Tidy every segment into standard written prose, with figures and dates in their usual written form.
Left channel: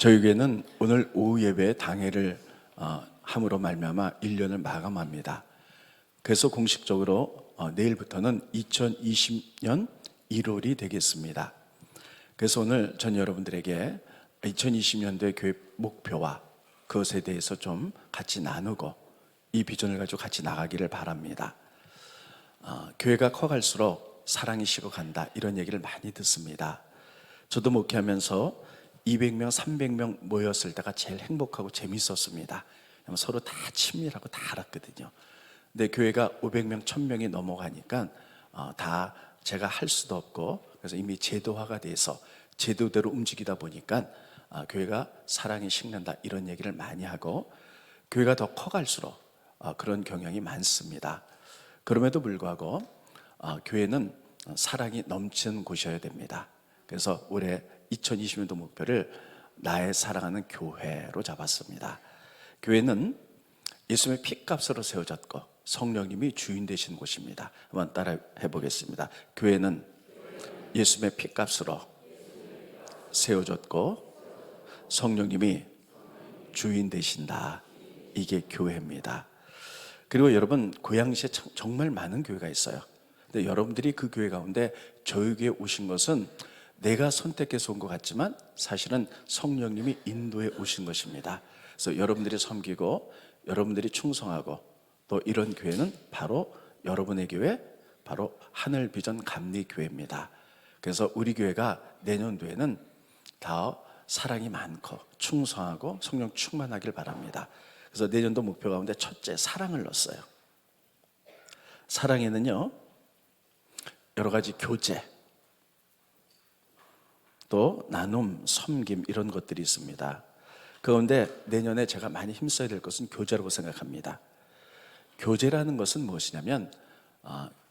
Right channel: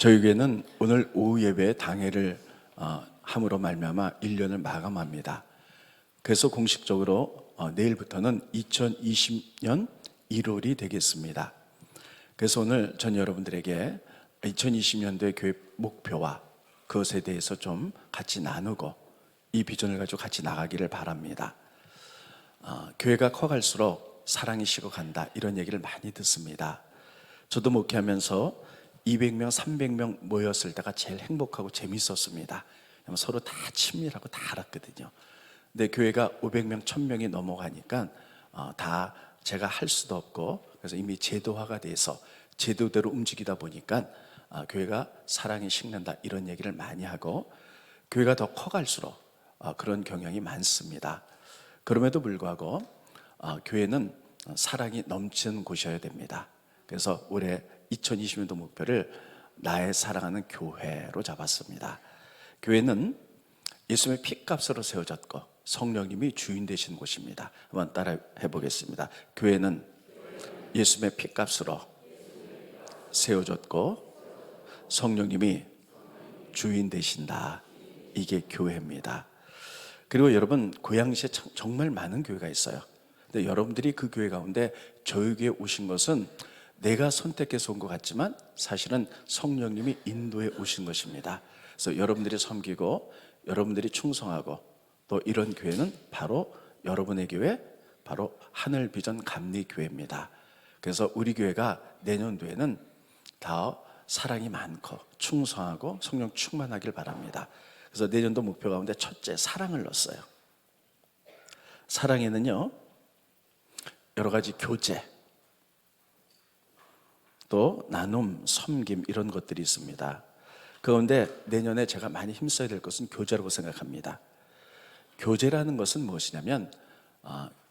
저희 교회는 오늘 오후 예배에 당회를 함으로 말미암아 1년을 마감합니다. 그래서 공식적으로 내일부터는 2020년 1월이 되겠습니다. 그래서 오늘 전 여러분들에게 2020년도의 교회 목표와 그것에 대해서 좀 같이 나누고 이 비전을 가지고 같이 나가기를 바랍니다. 교회가 커갈수록 사랑이 식어간다 이런 얘기를 많이 듣습니다. 저도 목회하면서 200명, 300명 모였을 때가 제일 행복하고 재밌었습니다. 서로 다 친밀하고 다 알았거든요. 근데 교회가 500명, 1000명이 넘어가니까 다 제가 할 수도 없고, 그래서 이미 제도화가 돼서 제도대로 움직이다 보니까 교회가 사랑이 식는다 이런 얘기를 많이 하고, 교회가 더 커갈수록 그런 경향이 많습니다. 그럼에도 불구하고 교회는 사랑이 넘치는 곳이어야 됩니다. 그래서 올해 2020년도 목표를 나의 사랑하는 교회로 잡았습니다. 교회는 예수님의 피값으로 세워졌고 성령님이 주인 되신 곳입니다. 한번 따라 해보겠습니다. 교회는 예수님의 피값으로 세워졌고 성령님이 주인 되신다. 이게 교회입니다. 그리고 여러분, 고양시에 정말 많은 교회가 있어요. 근데 여러분들이 그 교회 가운데 저희 교회에 오신 것은 내가 선택해서 온 것 같지만 사실은 성령님이 인도해 오신 것입니다. 그래서 여러분들이 섬기고 여러분들이 충성하고 또 이런 교회는 바로 여러분의 교회, 바로 하늘비전 감리교회입니다. 그래서 우리 교회가 내년도에는 더 사랑이 많고 충성하고 성령 충만하길 바랍니다. 그래서 내년도 목표 가운데 첫째, 사랑을 넣었어요. 사랑에는요, 여러 가지 교제, 또 나눔, 섬김 이런 것들이 있습니다. 그런데 내년에 제가 많이 힘써야 될 것은 교제라고 생각합니다. 교제라는 것은 무엇이냐면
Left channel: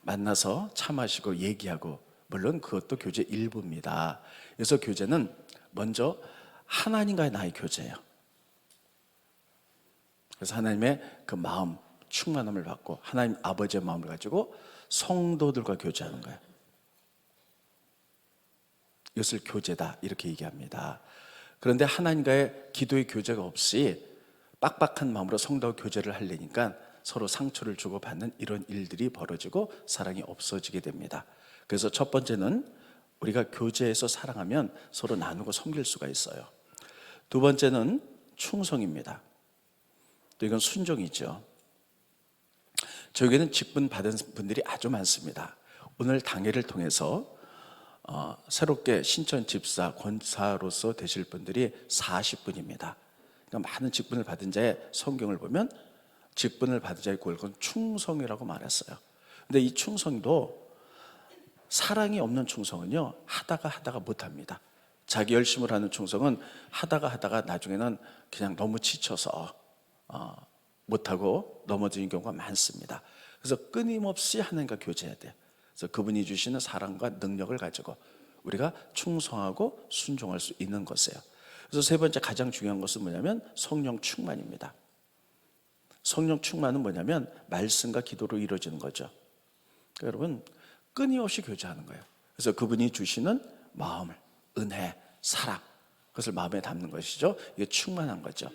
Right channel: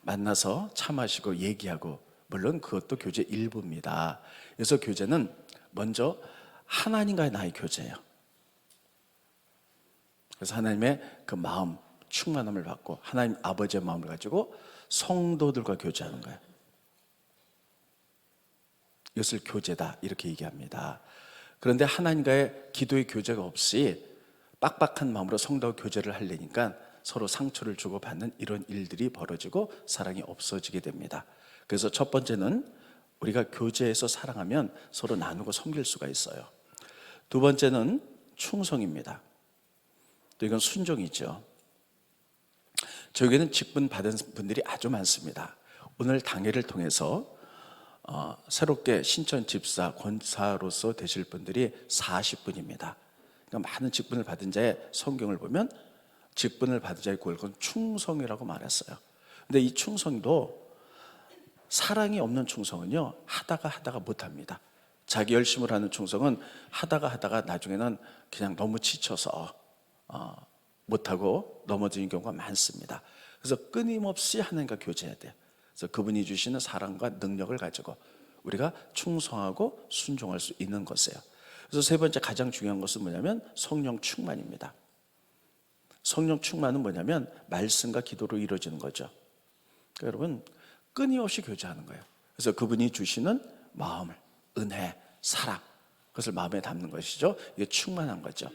만나서 차 마시고 얘기하고, 물론 그것도 교제 일부입니다. 그래서 교제는 먼저 하나님과의 나의 교제예요. 그래서 하나님의 그 마음, 충만함을 받고 하나님 아버지의 마음을 가지고 성도들과 교제하는 거예요. 이것을 교제다 이렇게 얘기합니다. 그런데 하나님과의 기도의 교제가 없이 빡빡한 마음으로 성도와 교제를 하려니까 서로 상처를 주고받는 이런 일들이 벌어지고 사랑이 없어지게 됩니다. 그래서 첫 번째는 우리가 교제해서 사랑하면 서로 나누고 섬길 수가 있어요. 두 번째는 충성입니다. 또 이건 순종이죠. 저에게는 직분 받은 분들이 아주 많습니다. 오늘 당회를 통해서 새롭게 신천 집사, 권사로서 되실 분들이 40분입니다. 그러니까 많은 직분을 받은 자의 성경을 보면 직분을 받은 자의 골건 충성이라고 말했어요. 근데 이 충성도 사랑이 없는 충성은요, 하다가 못합니다. 자기 열심을 하는 충성은 하다가 나중에는 그냥 너무 지쳐서 못하고 넘어지는 경우가 많습니다. 그래서 끊임없이 하나님과 교제해야 돼요. 그래서 그분이 주시는 사랑과 능력을 가지고 우리가 충성하고 순종할 수 있는 것이에요. 그래서 세 번째 가장 중요한 것은 뭐냐면 성령 충만입니다. 성령 충만은 뭐냐면 말씀과 기도로 이루어지는 거죠. 그러니까 여러분, 끊임없이 교제하는 거예요. 그래서 그분이 주시는 마음을, 은혜, 사랑, 그것을 마음에 담는 것이죠. 이게 충만한 거죠.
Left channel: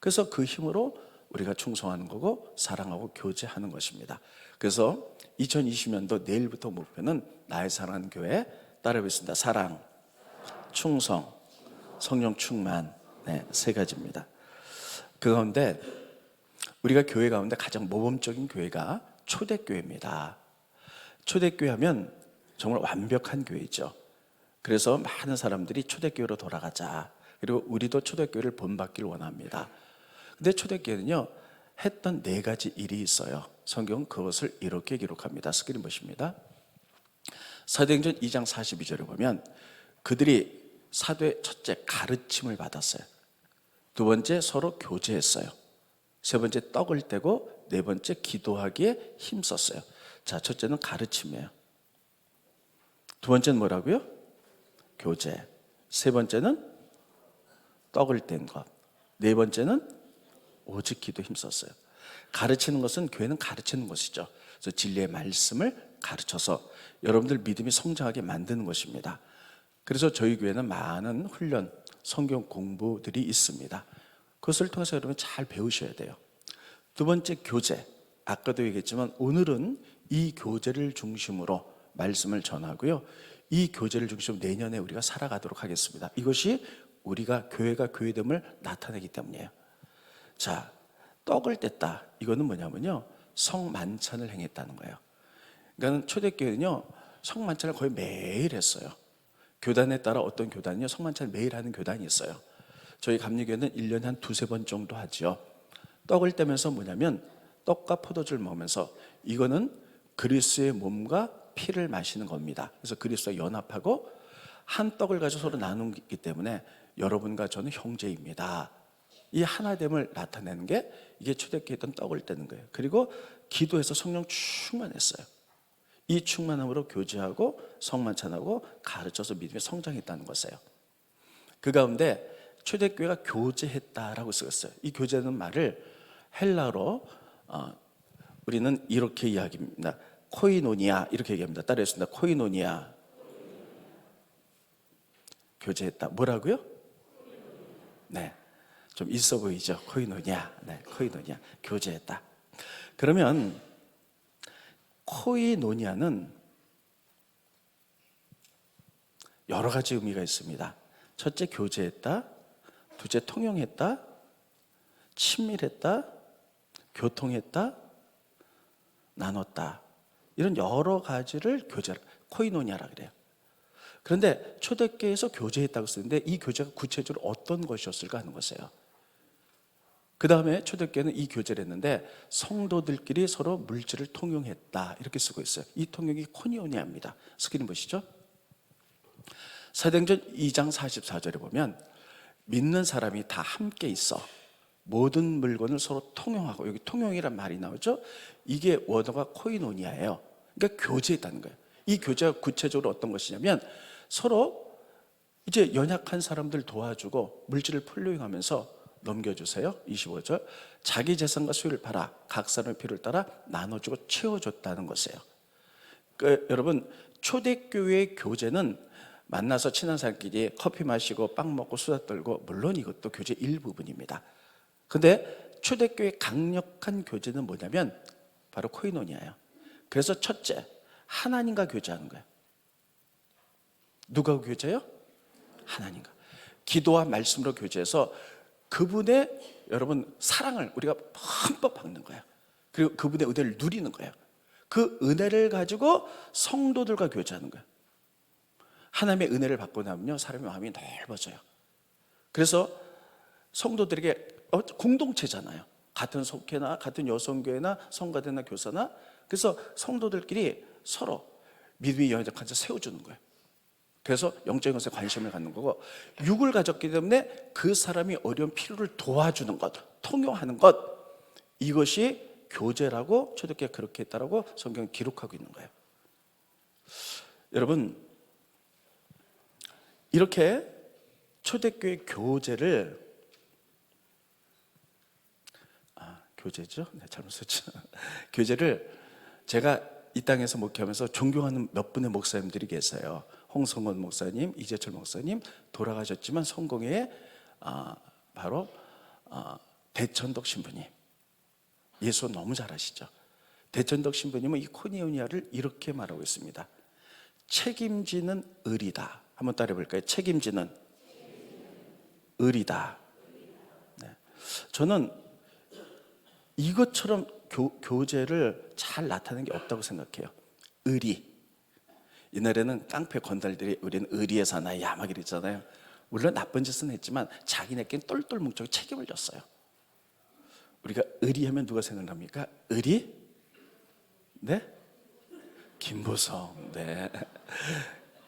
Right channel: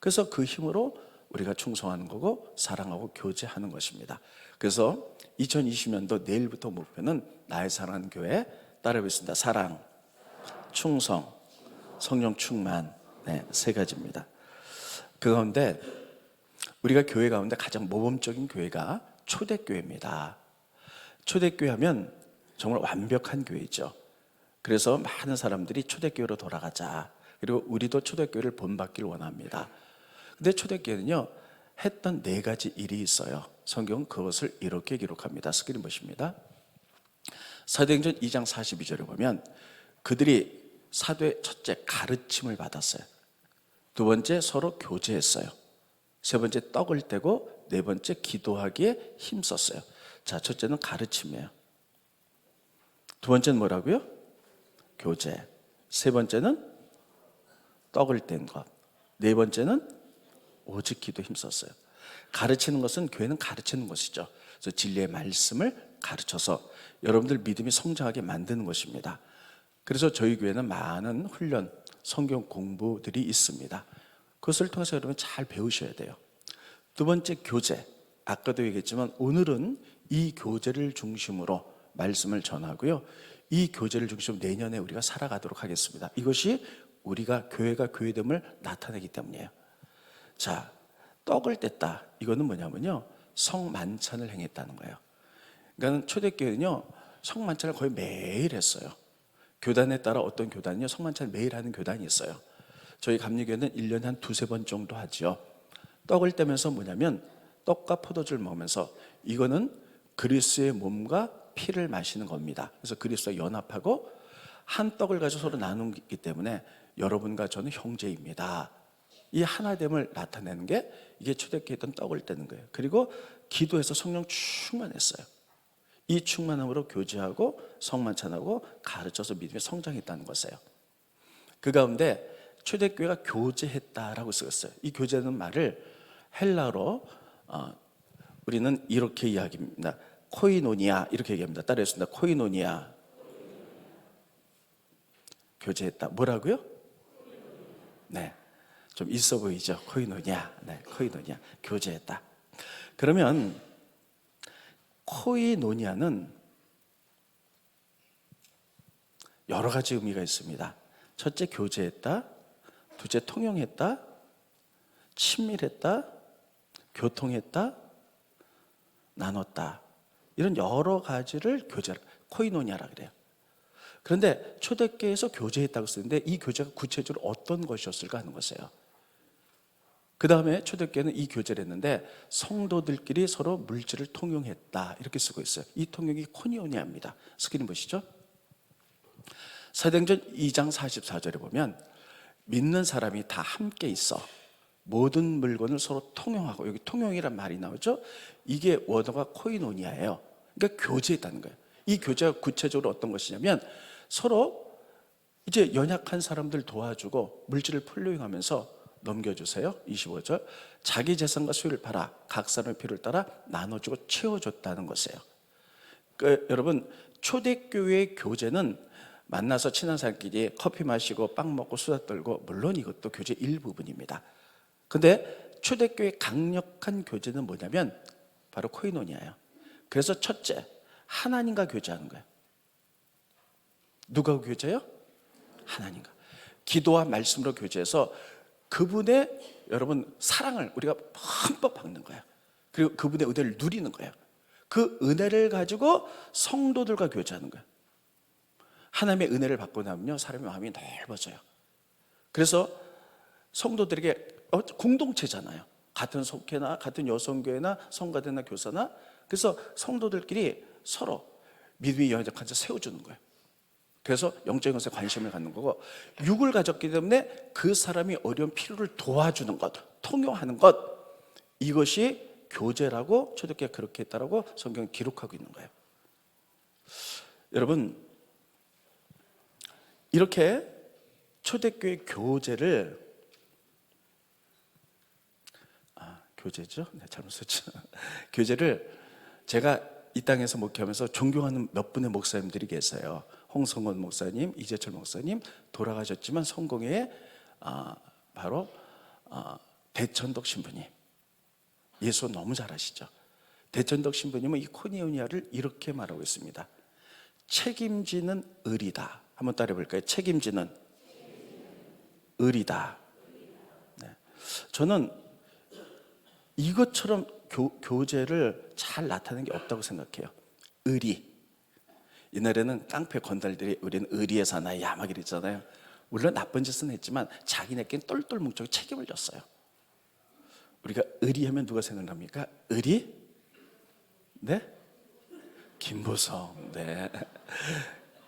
그래서 그 힘으로 우리가 충성하는 거고 사랑하고 교제하는 것입니다. 그래서 2020년도 내일부터 목표는 나의 사랑하는 교회 따라하겠습니다. 사랑, 충성, 성령 충만, 세 가지입니다. 그 가운데 우리가 교회 가운데 가장 모범적인 교회가 초대교회입니다. 초대교회 하면 정말 완벽한 교회죠. 그래서 많은 사람들이 초대교회로 돌아가자, 그리고 우리도 초대교회를 본받기를 원합니다. 근데 초대교회는요, 했던 4가지 일이 있어요. 성경은 그것을 이렇게 기록합니다. 스크린 보십니다. 사도행전 2장 42절에 보면 그들이 사도의 첫째 가르침을 받았어요. 두 번째 서로 교제했어요. 세 번째 떡을 떼고 네 번째 기도하기에 힘썼어요. 자, 첫째는 가르침이에요. 두 번째는 뭐라고요? 교제. 세 번째는 떡을 뗀 것. 네 번째는 오직 기도에 힘썼어요. 가르치는 것은, 교회는 가르치는 것이죠. 그래서 진리의 말씀을 가르쳐서 여러분들 믿음이 성장하게 만드는 것입니다. 그래서 저희 교회는 많은 훈련, 성경 공부들이 있습니다. 그것을 통해서 여러분 잘 배우셔야 돼요. 두 번째, 교제. 아까도 얘기했지만 오늘은 이 교제를 중심으로 말씀을 전하고요. 이 교제를 중심으로 내년에 우리가 살아가도록 하겠습니다. 이것이 우리가 교회가 교회됨을 나타내기 때문이에요. 자, 떡을 뗐다. 이거는 뭐냐면요, 성만찬을 행했다는 거예요. 그러니까 초대교회는요, 성만찬을 거의 매일 했어요. 교단에 따라 어떤 교단은요, 성만찬을 매일 하는 교단이 있어요. 저희 감리교회는 1년에 한 두세 번 정도 하죠. 떡을 떼면서 뭐냐면 떡과 포도주를 먹으면서 이거는 그리스도의 몸과 피를 마시는 겁니다. 그래서 그리스도와 연합하고 한 떡을 가지고 서로 나누기 때문에 여러분과 저는 형제입니다. 이 하나됨을 나타내는 게 이게 초대교회 했던 떡을 떼는 거예요. 그리고 기도해서 성령 충만했어요. 이 충만함으로 교제하고 성만찬하고 가르쳐서 믿음에 성장했다는 것이에요. 그 가운데 초대교회가 교제했다라고 쓰였어요. 이 교제는 말을 헬라로 우리는 이렇게 이야기합니다. 코이노니아 이렇게 얘기합니다. 따라했습니다. 코이노니아. 교제했다. 뭐라고요? 네, 좀 있어 보이죠? 코이노니아. 네, 코이노니아. 교제했다. 그러면 코이노니아는 여러 가지 의미가 있습니다. 첫째, 교제했다. 둘째, 통용했다. 친밀했다. 교통했다. 나눴다. 이런 여러 가지를 코이노니아라 그래요. 그런데 초대교회에서 교제했다고 쓰는데 이 교제가 구체적으로 어떤 것이었을까 하는 것이에요. 그 다음에 초대교회는 이 교제를 했는데 성도들끼리 서로 물질을 통용했다 이렇게 쓰고 있어요. 이 통용이 코니오니아입니다. 스크린 보시죠. 사도행전 2장 44절에 보면 믿는 사람이 다 함께 있어 모든 물건을 서로 통용하고, 여기 통용이란 말이 나오죠. 이게 원어가 코이노니아예요. 그러니까 교제했다는 거예요. 이 교제가 구체적으로 어떤 것이냐면 서로 이제 연약한 사람들 도와주고 물질을 풀용하면서 넘겨주세요. 25절. 자기 재산과 수요를 팔아 각 사람의 필요를 따라 나눠주고 채워줬다는 것이에요. 여러분, 초대교회의 교제는 만나서 친한 사람끼리 커피 마시고 빵 먹고 수다 떨고, 물론 이것도 교제 일부분입니다. 근데 초대교회의 강력한 교제는 뭐냐면 바로 코이노니아예요. 그래서 첫째, 하나님과 교제하는 거예요. 누가 교제해요? 하나님과. 기도와 말씀으로 교제해서 그분의 여러분 사랑을 우리가 흠뻑 받는 거예요. 그리고 그분의 은혜를 누리는 거예요. 그 은혜를 가지고 성도들과 교제하는 거예요. 하나님의 은혜를 받고 나면요, 사람의 마음이 넓어져요. 그래서 성도들에게 공동체잖아요. 같은 속회나 같은 여성교회나 성가대나 교사나, 그래서 성도들끼리 서로 믿음이 연약한 자 세워주는 거예요. 그래서 영적인 것에 관심을 갖는 거고, 육을 가졌기 때문에 그 사람이 어려운 필요를 도와주는 것, 통용하는 것, 이것이 교제라고 초대교회가 그렇게 했다라고 성경은 기록하고 있는 거예요. 여러분, 이렇게 초대교회 교제를 교제죠? 네, 잘못 썼죠. 교제를 제가 이 땅에서 목회하면서 존경하는 몇 분의 목사님들이 계세요. 홍성원 목사님, 이재철 목사님, 돌아가셨지만 성공회의 바로 대천덕 신부님, 예수 너무 잘 아시죠? 대천덕 신부님은 이 코니오니아를 이렇게 말하고 있습니다. 책임지는 의리다. 한번 따라해 볼까요? 책임지는 의리다. 네. 저는 이것처럼 교제를 잘 나타내는 게 없다고 생각해요. 의리. 옛날에는 깡패 건달들이 우리는 의리에 사나이야 막 이랬잖아요. 물론 나쁜 짓은 했지만 자기네끼리 똘똘 뭉쳐 책임을 졌어요. 우리가 의리하면 누가 생각납니까? 의리? 네? 김보성. 네.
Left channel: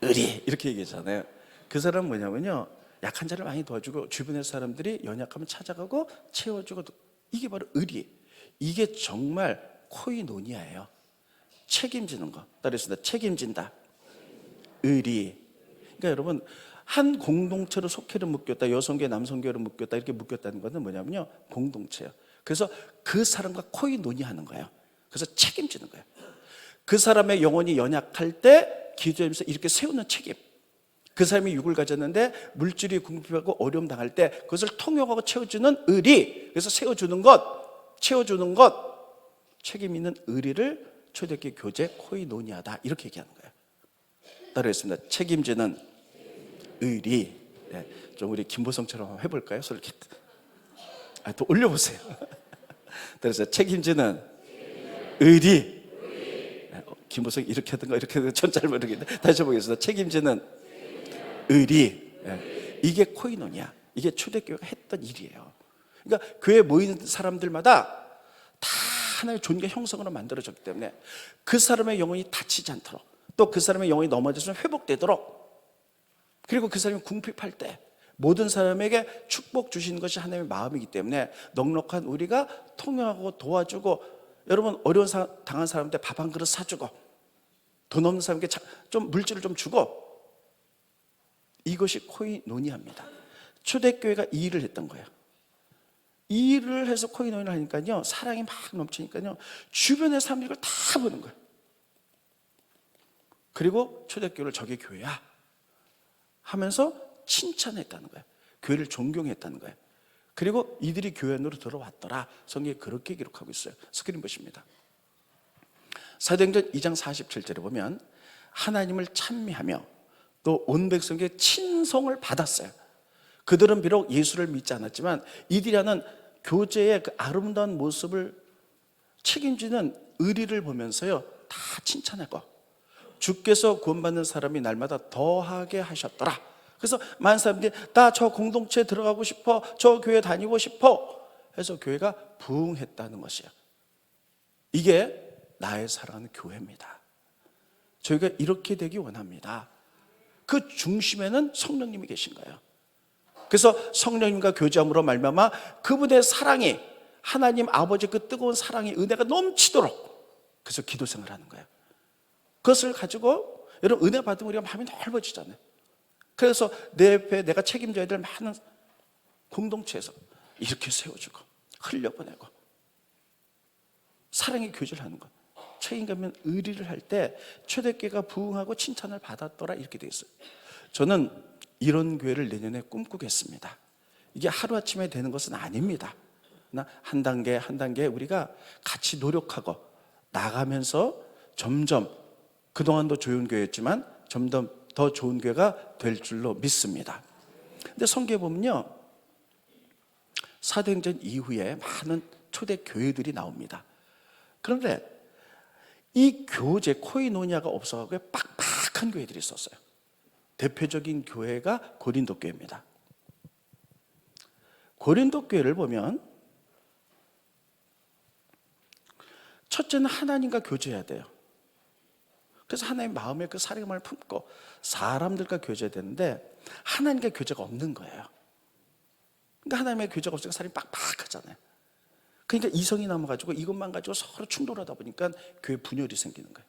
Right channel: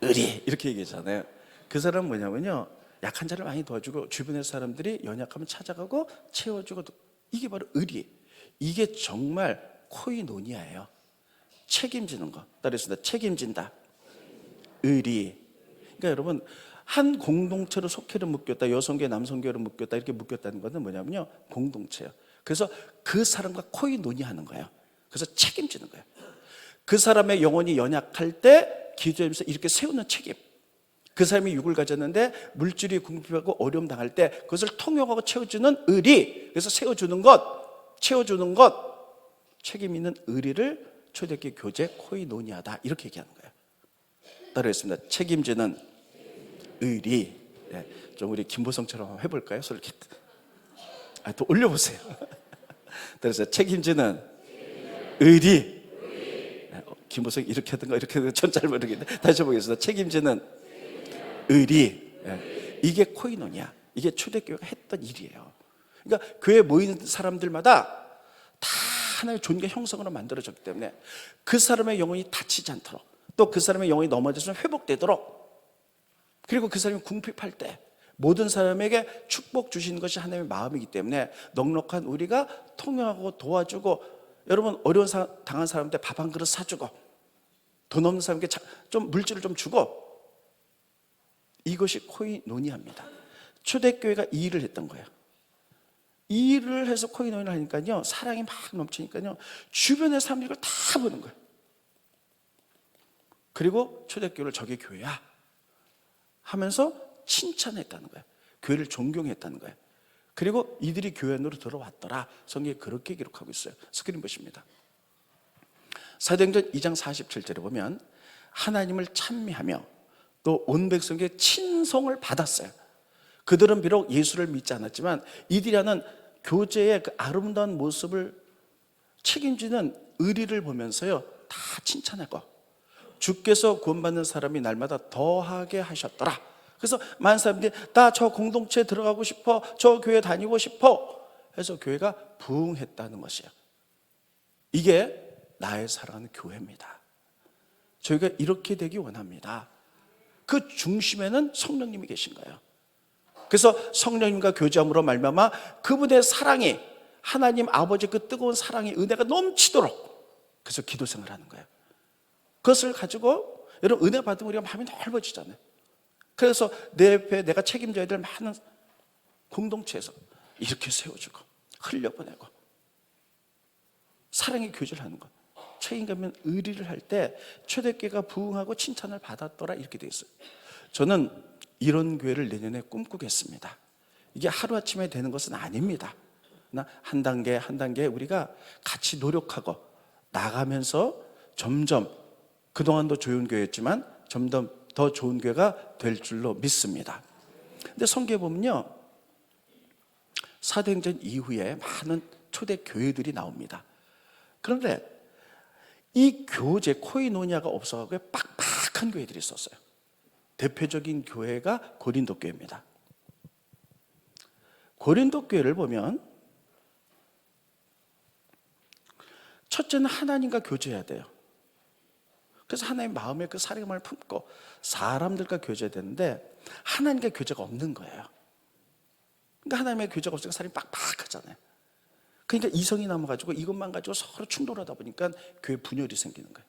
의리 이렇게 얘기하잖아요. 그 사람은 뭐냐면요, 약한 자를 많이 도와주고 주변의 사람들이 연약하면 찾아가고 채워주고, 이게 바로 의리. 이게 정말 코이노니아예요. 책임지는 거. 따라했습니다. 책임진다. 의리. 그러니까 여러분, 한 공동체로 속회를 묶였다, 여성교회 남성교회를 묶였다, 이렇게 묶였다는 것은 뭐냐면요, 공동체예요. 그래서 그 사람과 코이노니아하는 거예요. 그래서 책임지는 거예요. 그 사람의 영혼이 연약할 때 기도하면서 이렇게 세우는 책임. 그 사람이 육을 가졌는데 물질이 궁핍하고 어려움 당할 때 그것을 통역하고 채워주는 의리, 그래서 채워주는 것, 책임 있는 의리를 초대교회 교제 코이노니아다, 이렇게 얘기하는 거예요. 따라했습니다. 책임지는 의리. 네, 좀 우리 김보성처럼 한번 해볼까요? 소리 이렇게 또 올려보세요. 그래서 책임지는 의리. 김보성 이렇게 하던가 이렇게 하던가 전 잘 모르겠는데 다시 해보겠습니다. 책임지는 의리. 이게 코이노니아, 이게 초대교회가 했던 일이에요. 그러니까 교회에 모이는 사람들마다 다 하나의 존귀 형성으로 만들어졌기 때문에 그 사람의 영혼이 다치지 않도록, 또 그 사람의 영혼이 넘어져서 회복되도록, 그리고 그 사람이 궁핍할 때 모든 사람에게 축복 주시는 것이 하나님의 마음이기 때문에 넉넉한 우리가 통용하고 도와주고, 여러분 어려운 당한 사람한테 밥 한 그릇 사주고, 돈 없는 사람에게 좀 물질을 좀 주고, 이것이 코이노니아입니다. 초대교회가 이 일을 했던 거예요. 이 일을 해서 코이노니아를 하니까요, 사랑이 막 넘치니까요, 주변의 사람들이 그걸 다 보는 거예요. 그리고 초대교회를 저게 교회야 하면서 칭찬했다는 거예요. 교회를 존경했다는 거예요. 그리고 이들이 교회 안으로 들어왔더라. 성경에 그렇게 기록하고 있어요. 스크린 보십니다. 사도행전 2장 47절에 보면 하나님을 찬미하며 또 온 백성에게 친송을 받았어요. 그들은 비록 예수를 믿지 않았지만 이들이 하는 교제의 그 아름다운 모습을 책임지는 의리를 보면서요, 다 칭찬하고, 주께서 구원받는 사람이 날마다 더하게 하셨더라. 그래서 많은 사람들이 나 저 공동체에 들어가고 싶어, 저 교회 다니고 싶어 해서 교회가 부흥했다는 것이에요. 이게 나의 사랑하는 교회입니다. 저희가 이렇게 되기 원합니다. 그 중심에는 성령님이 계신 거예요. 그래서 성령님과 교제함으로 말미암아 그분의 사랑이, 하나님 아버지 그 뜨거운 사랑이, 은혜가 넘치도록, 그래서 기도 생활을 하는 거예요. 그것을 가지고 여러분 은혜 받으면 우리가 마음이 넓어지잖아요. 그래서 내 옆에 내가 책임져야 될 많은 공동체에서 이렇게 세워주고 흘려보내고 사랑의 교제를 하는 것, 책임감 의리를 할 때 초대교회가 부흥하고 칭찬을 받았더라, 이렇게 돼 있어요. 저는 이런 교회를 내년에 꿈꾸겠습니다. 이게 하루아침에 되는 것은 아닙니다. 한 단계 한 단계 우리가 같이 노력하고 나가면서 점점, 그동안도 좋은 교회였지만 점점 더 좋은 교회가 될 줄로 믿습니다. 근데 성경에 보면요, 사도행전 이후에 많은 초대 교회들이 나옵니다. 그런데 이 교제 코이노니아가 없어가지고 빡빡한 교회들이 있었어요. 대표적인 교회가 고린도 교회입니다. 고린도 교회를 보면 첫째는 하나님과 교제해야 돼요. 그래서 하나님의 마음에 그 사랑을 품고 사람들과 교제해야 되는데 하나님과 교제가 없는 거예요. 그러니까 하나님의 교제가 없으니까 사람이 빡빡하잖아요. 그러니까 이성이 남아가지고 이것만 가지고 서로 충돌하다 보니까 교회 분열이 생기는 거예요.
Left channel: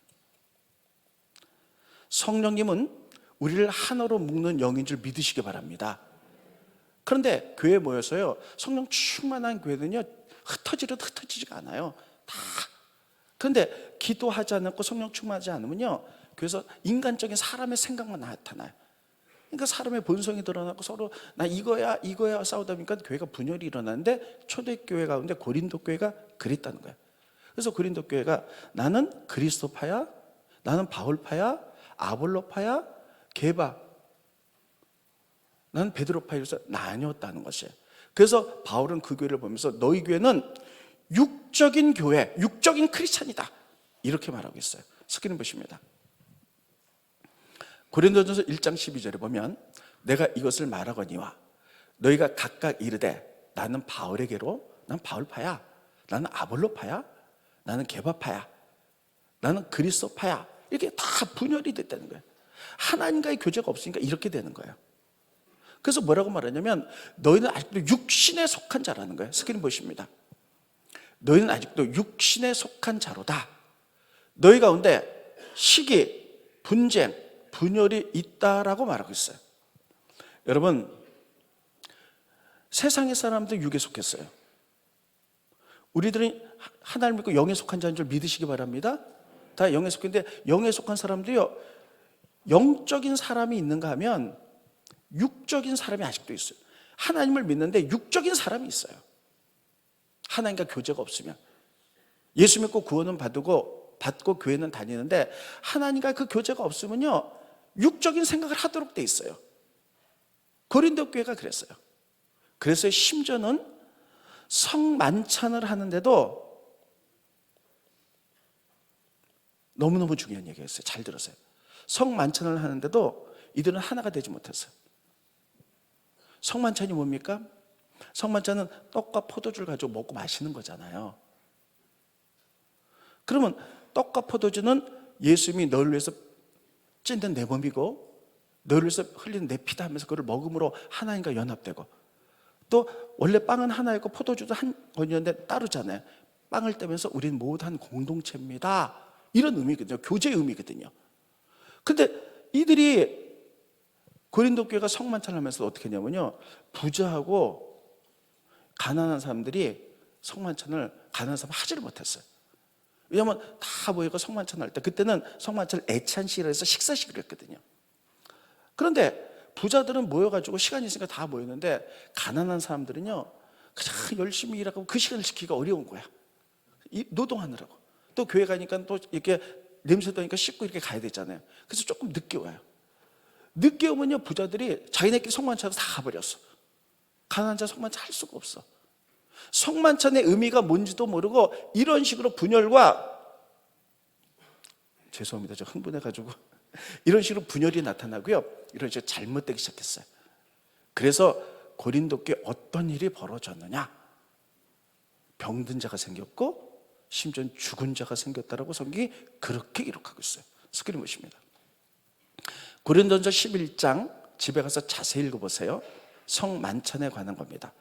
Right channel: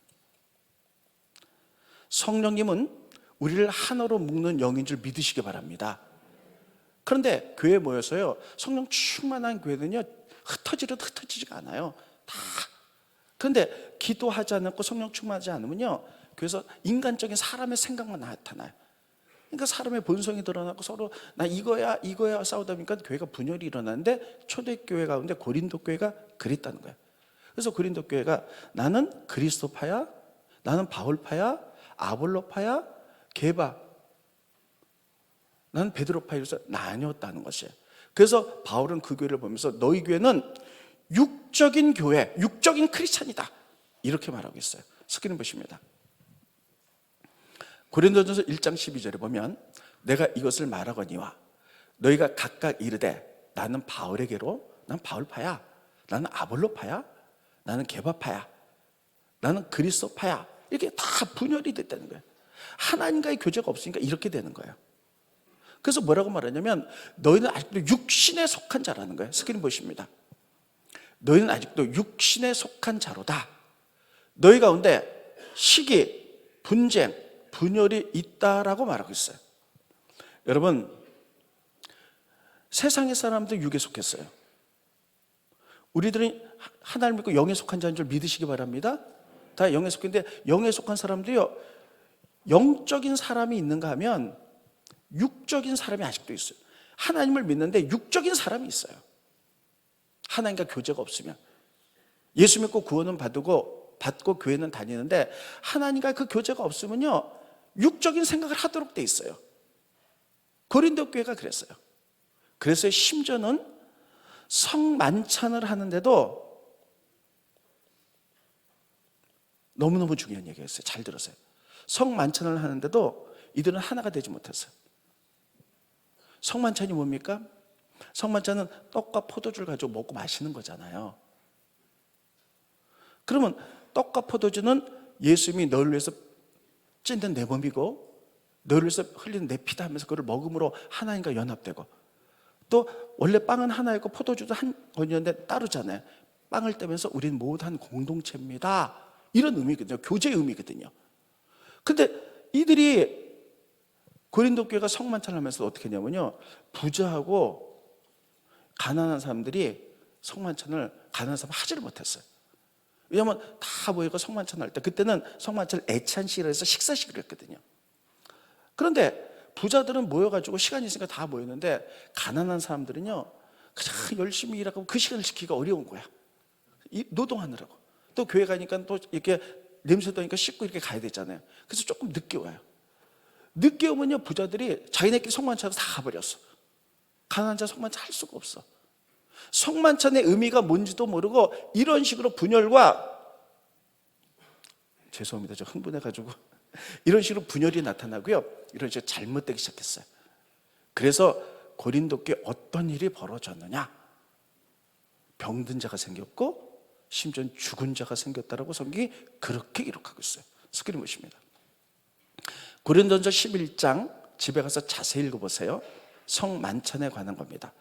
성령님은 우리를 하나로 묶는 영인 줄 믿으시기 바랍니다. 그런데 교회에 모여서요, 성령 충만한 교회는요, 흩어지지가 않아요. 다. 그런데 기도하지 않고 성령 충만하지 않으면요, 그래서 인간적인 사람의 생각만 나타나요. 그러니까 사람의 본성이 드러나고 서로 나 이거야 싸우다 보니까 교회가 분열이 일어나는데 초대교회 가운데 고린도 교회가 그랬다는 거예요. 그래서 고린도 교회가 나는 그리스도파야, 나는 바울파야, 아볼로파야, 게바, 나는 베드로파에서 나뉘었다는 것이에요. 그래서 바울은 그 교회를 보면서 너희 교회는 육적인 교회, 육적인 크리스찬이다, 이렇게 말하고 있어요. 스크린 보십니다. 고린도전서 1장 12절에 보면 내가 이것을 말하거니와 너희가 각각 이르되 나는 바울에게로, 나는 바울파야, 나는 아볼로파야, 나는 게바파야, 나는 그리스도파야, 이렇게 다 분열이 됐다는 거예요. 하나님과의 교제가 없으니까 이렇게 되는 거예요. 그래서 뭐라고 말하냐면 너희는 아직도 육신에 속한 자라는 거예요. 스크린 보십니다. 너희는 아직도 육신에 속한 자로다. 너희 가운데 시기, 분쟁, 분열이 있다라고 말하고 있어요. 여러분, 세상의 사람들 육에 속했어요. 우리들은 하나님을 믿고 영에 속한 자인 줄 믿으시기 바랍니다. 다 영에 속했는데 영에 속한 사람도요, 영적인 사람이 있는가 하면 육적인 사람이 아직도 있어요. 하나님을 믿는데 육적인 사람이 있어요. 하나님과 교제가 없으면. 예수 믿고 구원은 받고 교회는 다니는데 하나님과 그 교제가 없으면요, 육적인 생각을 하도록 돼 있어요. 고린도 교회가 그랬어요. 그래서 심지어는 성만찬을 하는데도 너무너무 중요한 얘기였어요. 잘 들으세요. 성만찬을 하는데도 이들은 하나가 되지 못했어요. 성만찬이 뭡니까? 성만찬은 떡과 포도주를 가지고 먹고 마시는 거잖아요. 그러면 떡과 포도주는 예수님이 너를 위해서 찢는 내 몸이고 너를 위해서 흘리는 내 피다 하면서 그걸 먹음으로 하나님과 연합되고, 또 원래 빵은 하나이고 포도주도 한 건이었는데 따르잖아요. 빵을 떼면서 우리는 모두 한 공동체입니다. 이런 의미거든요. 교제의 의미거든요. 근데 이들이 고린도 교회가 성만찬을 하면서 어떻게 했냐면요, 부자하고 가난한 사람들이 성만찬을 가난한 사람 하지를 못했어요. 왜냐하면 다 모이고 성만찬을 할 때, 그때는 성만찬을 애찬식이라 해서 식사식을 했거든요. 그런데 부자들은 모여가지고 시간이 있으니까 다 모였는데 가난한 사람들은요, 그냥 열심히 일하고 그 시간을 지키기가 어려운 거야. 노동하느라고. 또 교회 가니까 또 이렇게 냄새 나니까 씻고 이렇게 가야 되잖아요. 그래서 조금 늦게 와요. 늦게 오면요, 부자들이 자기네끼리 성만찬을 다 가버렸어. 가난한 자 성만찬 할 수가 없어. 성만찬의 의미가 뭔지도 모르고 이런 식으로 분열과, 죄송합니다, 저 흥분해가지고 이런 식으로 분열이 나타나고요, 이런 식으로 잘못되기 시작했어요. 그래서 고린도교에 어떤 일이 벌어졌느냐, 병든 자가 생겼고 심지어 죽은 자가 생겼다라고 성경이 그렇게 기록하고 있어요. 스크린 보십니다. 고린도전서 11장 집에 가서 자세히 읽어보세요. 성만찬에 관한 겁니다.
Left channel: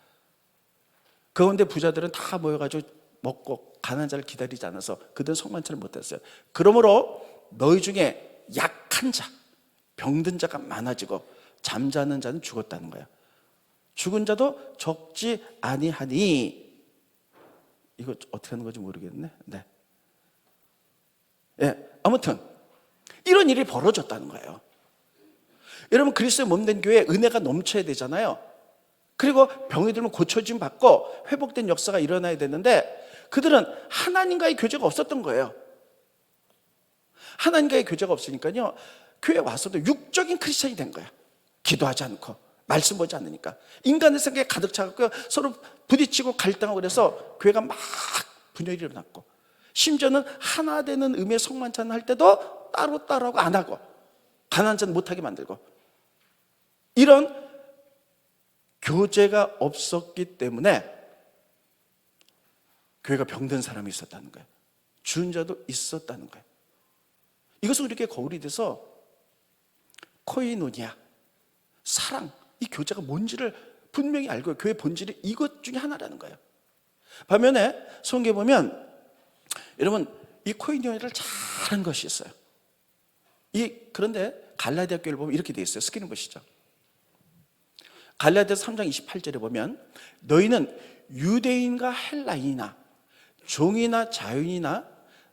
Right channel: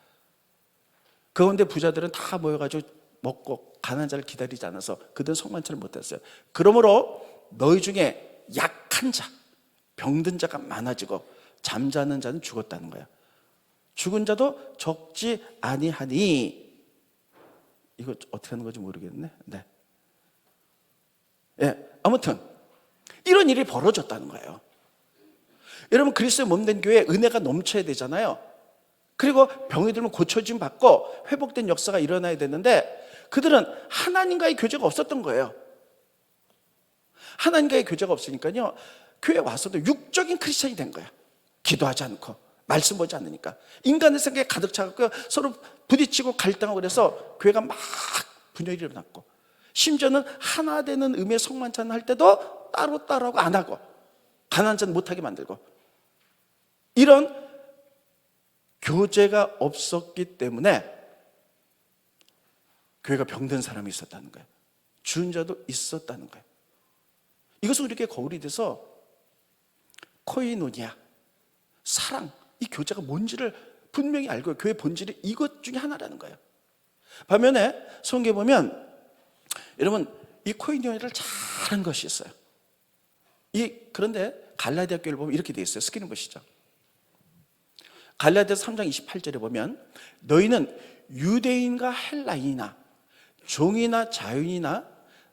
그 가운데 부자들은 다 모여가지고 먹고 가난한 자를 기다리지 않아서 그들은 성만찬을 못했어요. 그러므로 너희 중에 약한 자, 병든 자가 많아지고 잠자는 자는 죽었다는 거예요. 죽은 자도 적지 아니하니, 이거 어떻게 하는 건지 모르겠네. 네. 아무튼 이런 일이 벌어졌다는 거예요. 여러분, 그리스도의 몸된 교회에 은혜가 넘쳐야 되잖아요. 그리고 병이 들면 고쳐짐 받고 회복된 역사가 일어나야 되는데 그들은 하나님과의 교제가 없었던 거예요. 하나님과의 교제가 없으니까요, 교회 와서도 육적인 크리스천이 된 거야. 기도하지 않고 말씀 보지 않으니까 인간의 생각에 가득 차갖고 서로 부딪히고 갈등하고, 그래서 교회가 막 분열이 일어났고, 심지어는 하나 되는 의미의 성만찬 할 때도 따로따로하고 안 하고 가난한 자는 못하게 만들고, 이런 교제가 없었기 때문에 교회가 병든 사람이 있었다는 거예요. 죽은 자도 있었다는 거예요. 이것은 우리에게 거울이 돼서 코이노니아, 사랑, 이 교제가 뭔지를 분명히 알고, 교회의 본질이 이것 중에 하나라는 거예요. 반면에 성경에 보면 여러분, 이 코이노니아를 잘한 것이 있어요. 그런데 갈라디아 교회를 보면 이렇게 돼 있어요. 스크린 보시죠. 갈라디아서 3장 28절에 보면 너희는 유대인과 헬라인이나 종이나 자유인이나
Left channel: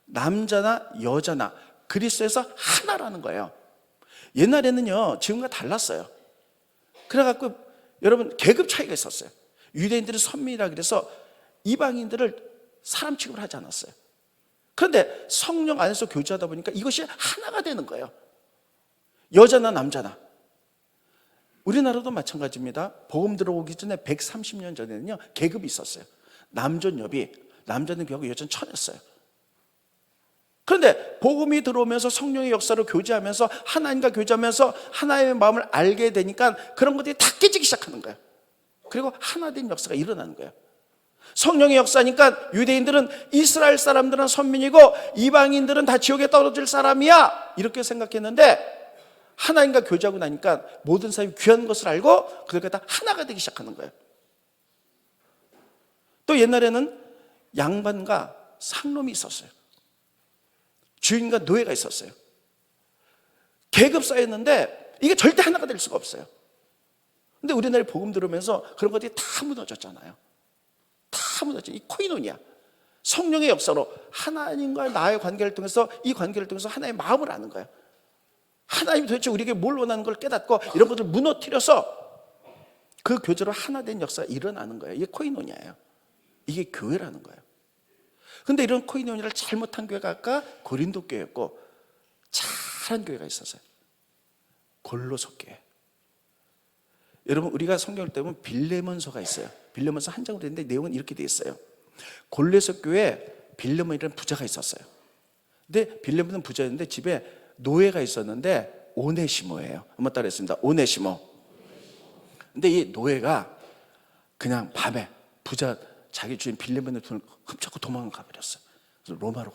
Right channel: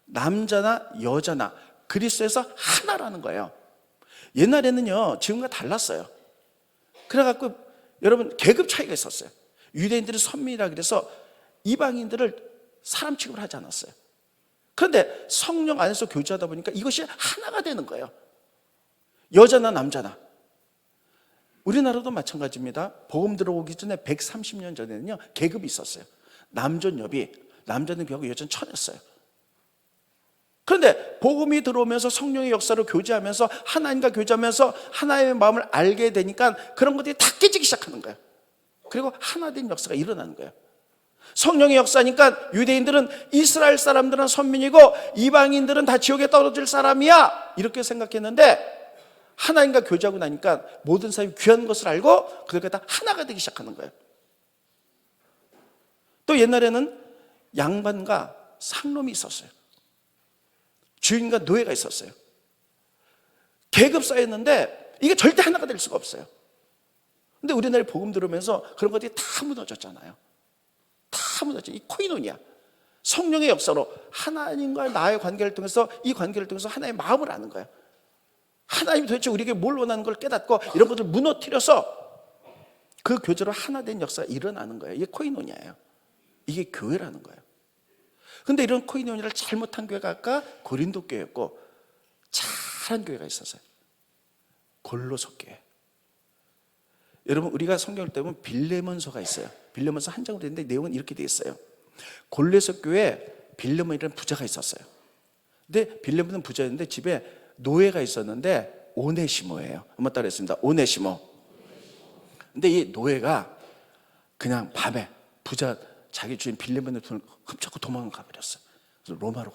남자나 여자나 그리스도에서 하나라는 거예요. 옛날에는요, 지금과 달랐어요. 그래갖고 여러분, 계급 차이가 있었어요. 유대인들은 선민이라 그래서 이방인들을 사람 취급을 하지 않았어요. 그런데 성령 안에서 교제하다 보니까 이것이 하나가 되는 거예요. 여자나 남자나. 우리나라도 마찬가지입니다. 복음 들어오기 전에 130년 전에는요, 계급이 있었어요. 남존 여비, 남자는 귀하고 여자는 천했어요. 그런데 복음이 들어오면서 성령의 역사로 교제하면서 하나님과 교제하면서 하나님의 마음을 알게 되니까 그런 것들이 다 깨지기 시작하는 거예요. 그리고 하나 된 역사가 일어나는 거예요. 성령의 역사니까 유대인들은 이스라엘 사람들은 선민이고 이방인들은 다 지옥에 떨어질 사람이야, 이렇게 생각했는데 하나님과 교제하고 나니까 모든 사람이 귀한 것을 알고 그들과 다 하나가 되기 시작하는 거예요. 또 옛날에는 양반과 상놈이 있었어요. 주인과 노예가 있었어요. 계급 사회였는데 이게 절대 하나가 될 수가 없어요. 근데 우리나라에 복음 들으면서 그런 것들이 다 무너졌잖아요. 다 무너졌죠. 이 코이노니아, 성령의 역사로 하나님과 나의 관계를 통해서, 이 관계를 통해서 하나님의 마음을 아는 거예요. 하나님이 도대체 우리에게 뭘 원하는 걸 깨닫고 이런 것을 무너뜨려서 그 교제로 하나 된 역사가 일어나는 거예요. 이게 코이노니아예요. 이게 교회라는 거예요. 그런데 이런 코이노니아를 잘못한 교회가 아까 고린도 교회였고, 잘한 교회가 있었어요. 골로새 교회. 여러분, 우리가 성경을 떼보면 빌레몬서가 있어요. 빌레몬서 한 장으로 되는데 내용은 이렇게 되어 있어요. 골로새 교회에 빌레몬이라는 부자가 있었어요. 근데 빌레몬은 부자였는데 집에 노예가 있었는데 오네시모예요. 한번 따라했습니다. 오네시모. 근데 이 노예가 그냥 밤에 부자 자기 주인 빌레몬의 돈을 훔쳐고 도망가 버렸어요. 그래서 로마로,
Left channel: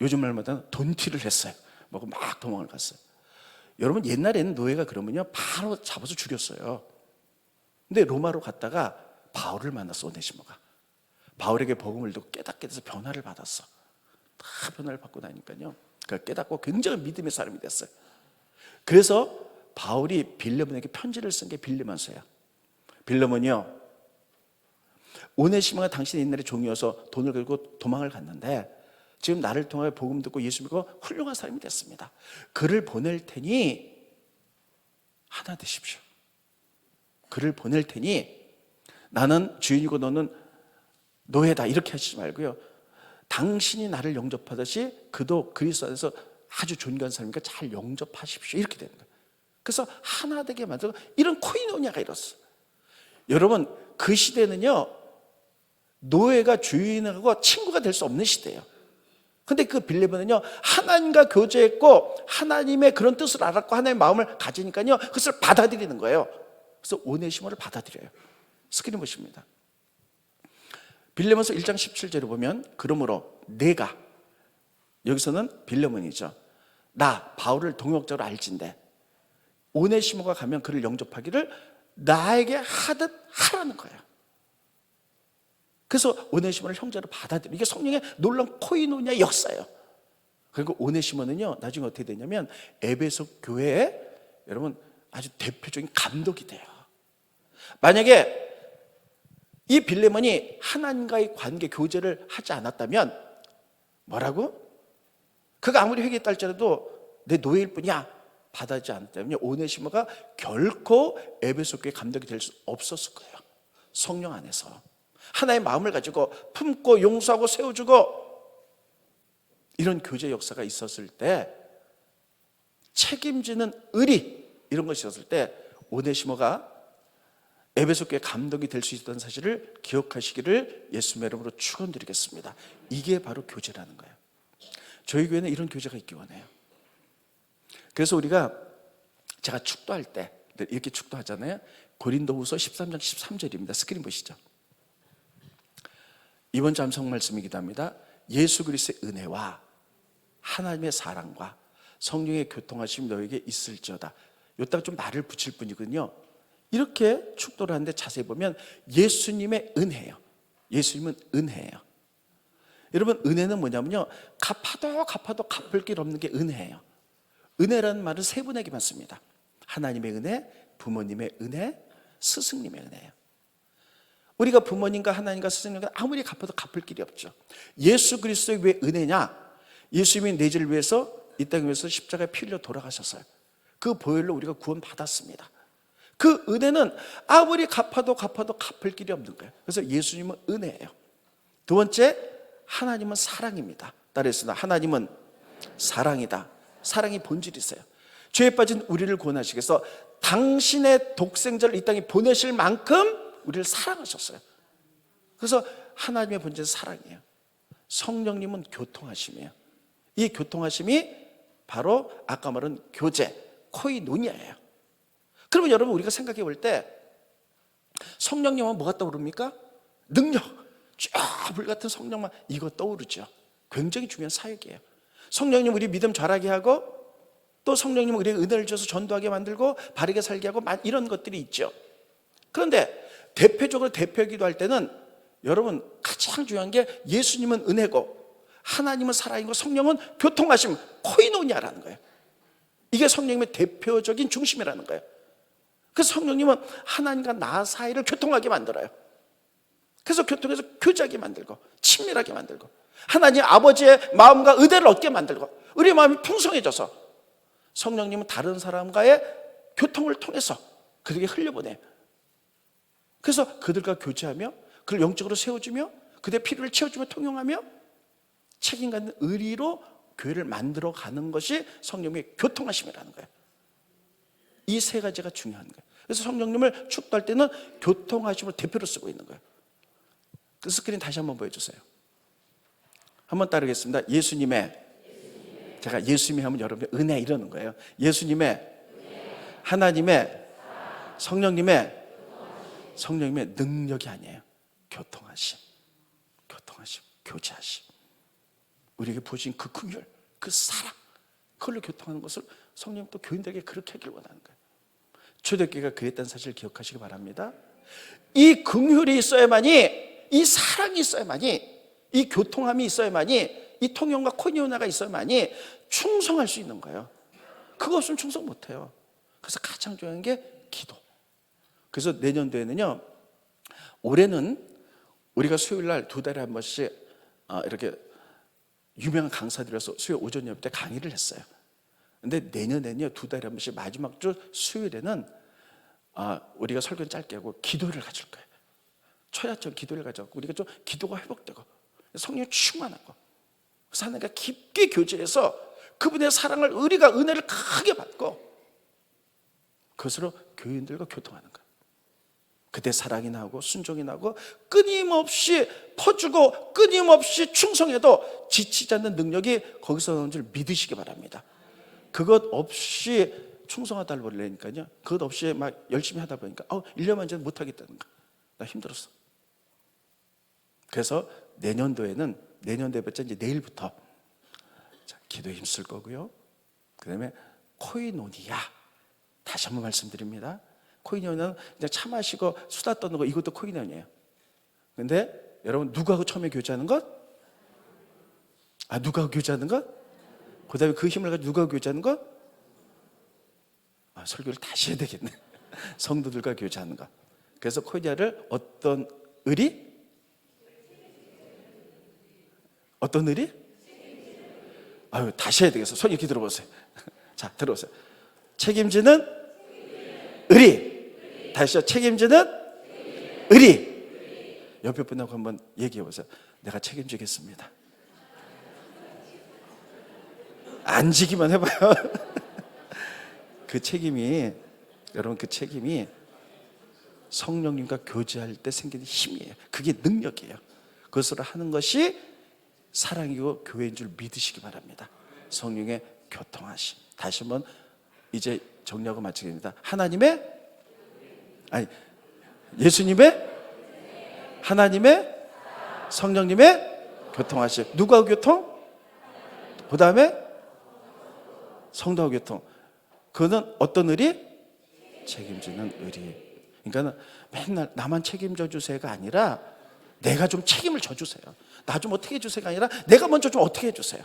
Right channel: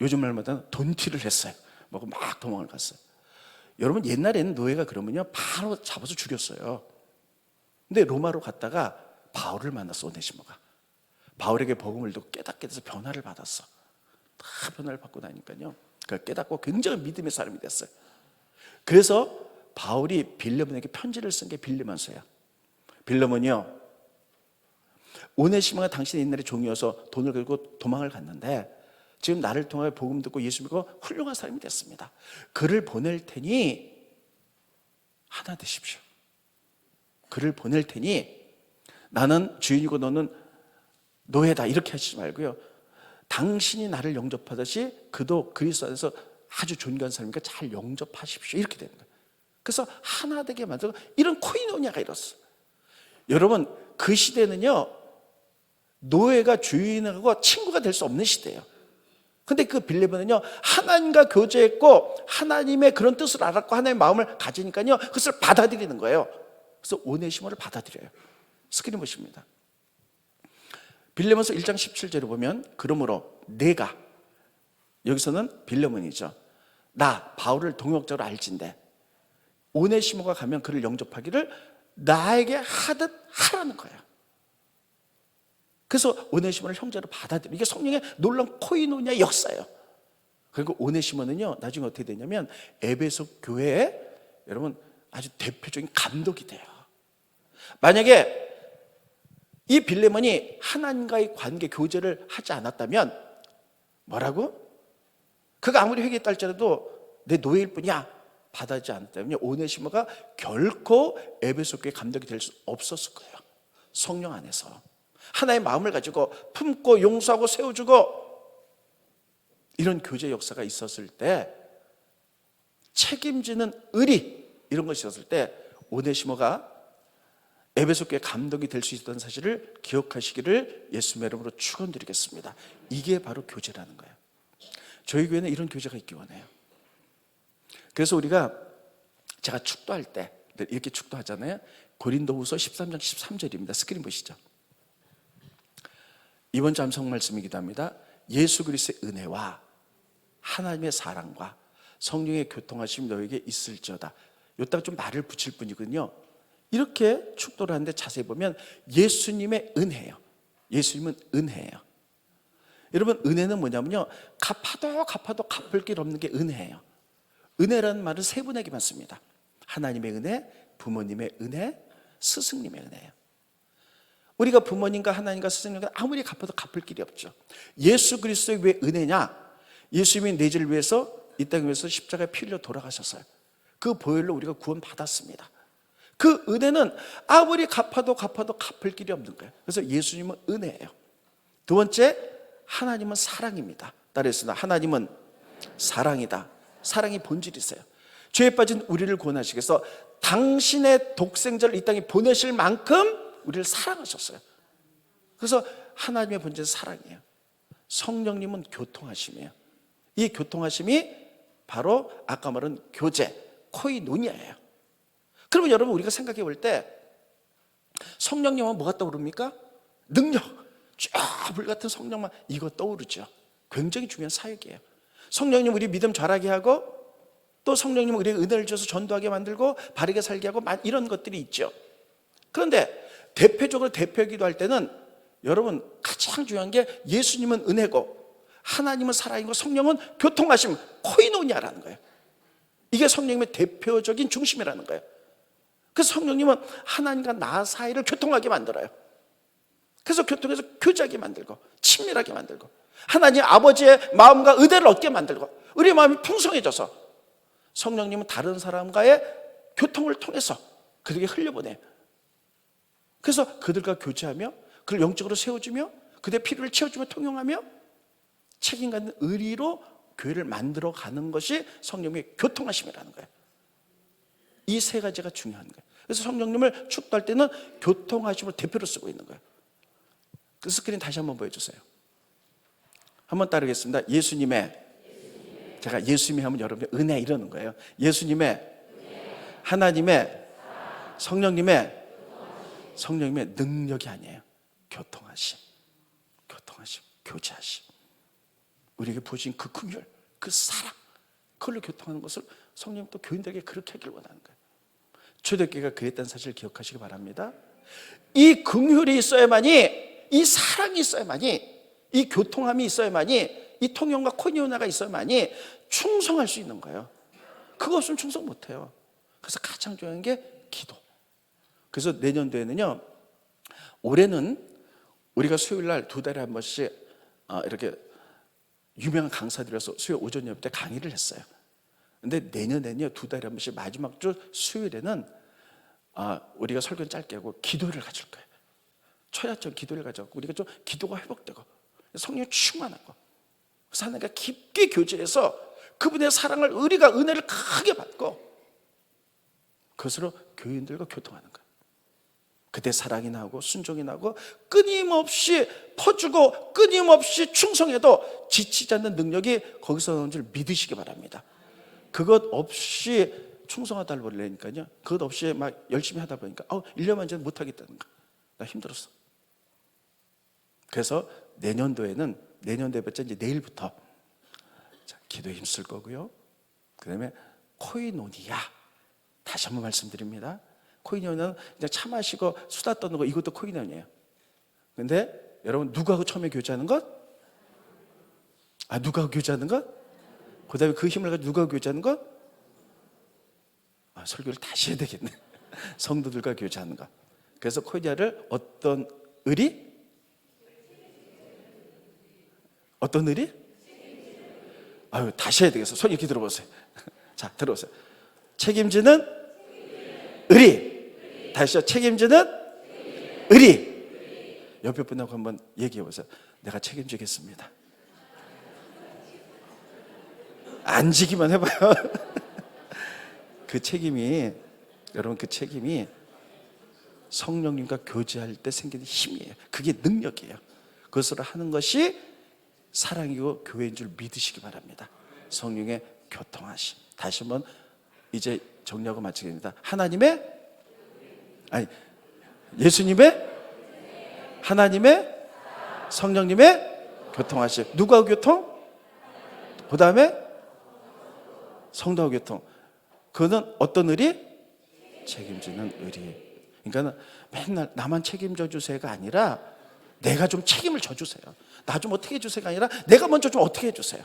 요즘 말마다 돈티를 했어요. 막 도망을 갔어요. 여러분, 옛날에는 노예가 그러면요 바로 잡아서 죽였어요. 근데 로마로 갔다가 바울을 만났어. 오네시모가 바울에게 복음을 듣고 깨닫게 돼서 변화를 받았어. 다 변화를 받고 나니까요, 그걸 깨닫고 굉장히 믿음의 사람이 됐어요. 그래서 바울이 빌레몬에게 편지를 쓴 게 빌레몬서예요. 빌레몬이요, 오네시모가 당신의 옛날에 종이어서 돈을 들고 도망을 갔는데 지금 나를 통하여 복음 듣고 예수 믿고 훌륭한 사람이 됐습니다. 그를 보낼 테니 하나 되십시오. 그를 보낼 테니 나는 주인이고 너는 노예다, 이렇게 하시지 말고요, 당신이 나를 영접하듯이 그도 그리스도 안에서 아주 존귀한 사람이니까 잘 영접하십시오, 이렇게 되는 거예요. 그래서 하나 되게 만들고 이런 코이노니아가 일었어요. 여러분, 그 시대는요 노예가 주인하고 친구가 될 수 없는 시대예요. 근데 그 빌레몬은요 하나님과 교제했고 하나님의 그런 뜻을 알았고 하나님의 마음을 가지니까요 그것을 받아들이는 거예요. 그래서 오네시모를 받아들여요. 스크린 보십니다. 빌레몬서 1장 17절에 보면, 그러므로 내가, 여기서는 빌레몬이죠, 나 바울을 동역자로 알진대 오네시모가 가면 그를 영접하기를 나에게 하듯 하라는 거예요. 그래서 오네시모를 형제로 받아들여. 이게 성령의 놀라운 코이노니아 역사예요. 그리고 오네시모는요 나중에 어떻게 되냐면 에베소 교회에 여러분 아주 대표적인 감독이 돼요. 만약에 이 빌레몬이 하나님과의 관계 교제를 하지 않았다면, 뭐라고? 그가 아무리 회개했다 할지라도 내 노예일 뿐이야 받아지 않았다면 오네시모가 결코 에베소 교회 감독이 될 수 없었을 거예요. 성령 안에서 하나의 마음을 가지고 품고 용서하고 세워주고 이런 교제 역사가 있었을 때, 책임지는 의리, 이런 것이 있었을 때 오네시모가 에베소 교회 감독이 될 수 있다는 사실을 기억하시기를 예수님의 이름으로 축원드리겠습니다. 이게 바로 교제라는 거예요. 저희 교회는 이런 교제가 있기 원해요. 그래서 우리가, 제가 축도할 때 이렇게 축도하잖아요. 고린도후서 13장 13절입니다. 스크린 보시죠. 이번 주 암송 말씀이기도 합니다. 예수 그리스도의 은혜와 하나님의 사랑과 성령의 교통하심이 너에게 있을지어다. 여기다가 좀 말을 붙일 뿐이거든요. 이렇게 축도를 하는데 자세히 보면 예수님의 은혜예요. 예수님은 은혜예요. 여러분, 은혜는 뭐냐면요, 갚아도 갚을 길 없는 게 은혜예요. 은혜라는 말은 세 분에게만 씁니다. 하나님의 은혜, 부모님의 은혜, 스승님의 은혜예요. 우리가 부모님과 하나님과 스승님과 아무리 갚아도 갚을 길이 없죠. 예수 그리스도의 왜 은혜냐? 예수님이 내 죄를 위해서 이 땅을 위해서 십자가에 피 흘려 돌아가셨어요. 그 보혈로 우리가 구원받았습니다. 그 은혜는 아무리 갚아도 갚을 길이 없는 거예요. 그래서 예수님은 은혜예요. 두 번째, 하나님은 사랑입니다. 따라했습니다. 하나님은 사랑이다. 사랑이 본질이세요. 죄에 빠진 우리를 구원하시기 위해서 당신의 독생자를 이 땅에 보내실 만큼 우리를 사랑하셨어요. 그래서 하나님의 본질은 사랑이에요. 성령님은 교통하심이에요. 이 교통하심이 바로 아까 말한 교제, 코이노니아예요. 그러면 여러분, 우리가 생각해 볼 때 성령님은 뭐가 떠오릅니까? 능력, 불같은 성령만, 이거 떠오르죠. 굉장히 중요한 사역이에요. 성령님 우리 믿음 자라게 하고, 또 성령님 우리에게 은혜를 주셔서 전도하게 만들고 바르게 살게 하고, 이런 것들이 있죠. 그런데 대표적으로 대표기도 할 때는 여러분 가장 중요한 게 예수님은 은혜고 하나님은 사랑이고 성령은 교통하심, 코이노니아라는 거예요. 이게 성령님의 대표적인 중심이라는 거예요. 그래서 성령님은 하나님과 나 사이를 교통하게 만들어요. 그래서 교통해서 교제하게 만들고 친밀하게 만들고 하나님 아버지의 마음과 의대를 얻게 만들고 우리의 마음이 풍성해져서 성령님은 다른 사람과의 교통을 통해서 그들에게 흘려보내요. 그래서 그들과 교제하며 그를 영적으로 세워주며 그들의 필요를 채워주며 통용하며 책임감 있는 의리로 교회를 만들어가는 것이 성령님의 교통하심이라는 거예요. 이 세 가지가 중요한 거예요. 그래서 성령님을 축도할 때는 교통하심을 대표로 쓰고 있는 거예요. 그 스크린 다시 한번 보여주세요. 한번 따르겠습니다. 제가 예수님의 하면 여러분들 은혜 이러는 거예요. 예수님의, 하나님의, 성령님의 능력이 아니에요. 교통하심, 교제하심. 우리에게 보여진 그 긍휼, 그 사랑, 그걸로 교통하는 것을 성령 또 교인들에게 그렇게 하길 원하는 거예요. 초대교회가 그랬다는 사실을 기억하시기 바랍니다. 이 긍휼이 있어야만이, 이 사랑이 있어야만이, 이 교통함이 있어야만이, 이 통용과 코니오나가 있어야만이 충성할 수 있는 거예요. 그거 없으면 충성 못해요. 그래서 가장 중요한 게 기도. 그래서 내년도에는요, 올해는 우리가 수요일날 2달에 한 번씩 이렇게 유명한 강사들에서 수요일 오전 예배 때 강의를 했어요. 근데 내년에는요, 2달에 한 번씩 마지막 주 수요일에는 우리가 설교는 짧게 하고 기도를 가질 거예요. 초야점 기도를 가져고 우리가 좀 기도가 회복되고 성령 충만하고 그래서 하나님과 깊게 교제해서 그분의 사랑을, 의리가, 은혜를 크게 받고 그것으로 교인들과 교통하는 거예요. 그때 사랑이 나고 순종이 나고 끊임없이 퍼주고 끊임없이 충성해도 지치지 않는 능력이 거기서 나오는 줄 믿으시기 바랍니다. 그것 없이 충성하다 보니까요, 그것 없이 막 열심히 하다 보니까 1년만 전에 못하겠다는 거야. 나 힘들었어. 그래서 내년도에는, 내년도 예배자 이제 내일부터 기도에 힘쓸 거고요. 그 다음에 코이노니아, 다시 한번 말씀드립니다. 코이노니아는 이제 차 마시고 수다 떠는 거, 이것도 코이노니아예요. 근데 여러분, 누구하고 처음에 교제하는 것? 누구하고 교제하는 것? 그 다음에 그 힘을 가지고 누구하고 교제하는 것? 설교를 다시 해야 되겠네. 성도들과 교제하는 것. 그래서 코이노니아를 어떤 의리? 어떤 의리? 다시 해야 되겠어. 손 이렇게 들어보세요. 자, 들어보세요. 책임지는 의리. 다시요. 책임지는 의리. 옆에 분하고 한번 얘기해 보세요. 내가 책임지겠습니다. 안 지기만 해봐요. 그 책임이, 여러분, 그 책임이 성령님과 교제할 때 생기는 힘이에요. 그게 능력이에요. 그것을 하는 것이 사랑이고 교회인 줄 믿으시기 바랍니다. 성령의 교통하심. 다시 한번 이제 정리하고 마치겠습니다. 예수님의, 하나님의, 성령님의 교통하심. 누구하고 교통? 그 다음에 성도하고 교통. 그거는 어떤 의리? 책임지는 의리. 그러니까 맨날 나만 책임져 주세요가 아니라 내가 좀 책임을 져주세요. 나 좀 어떻게 해주세요가 아니라 내가 먼저 좀 어떻게 해주세요.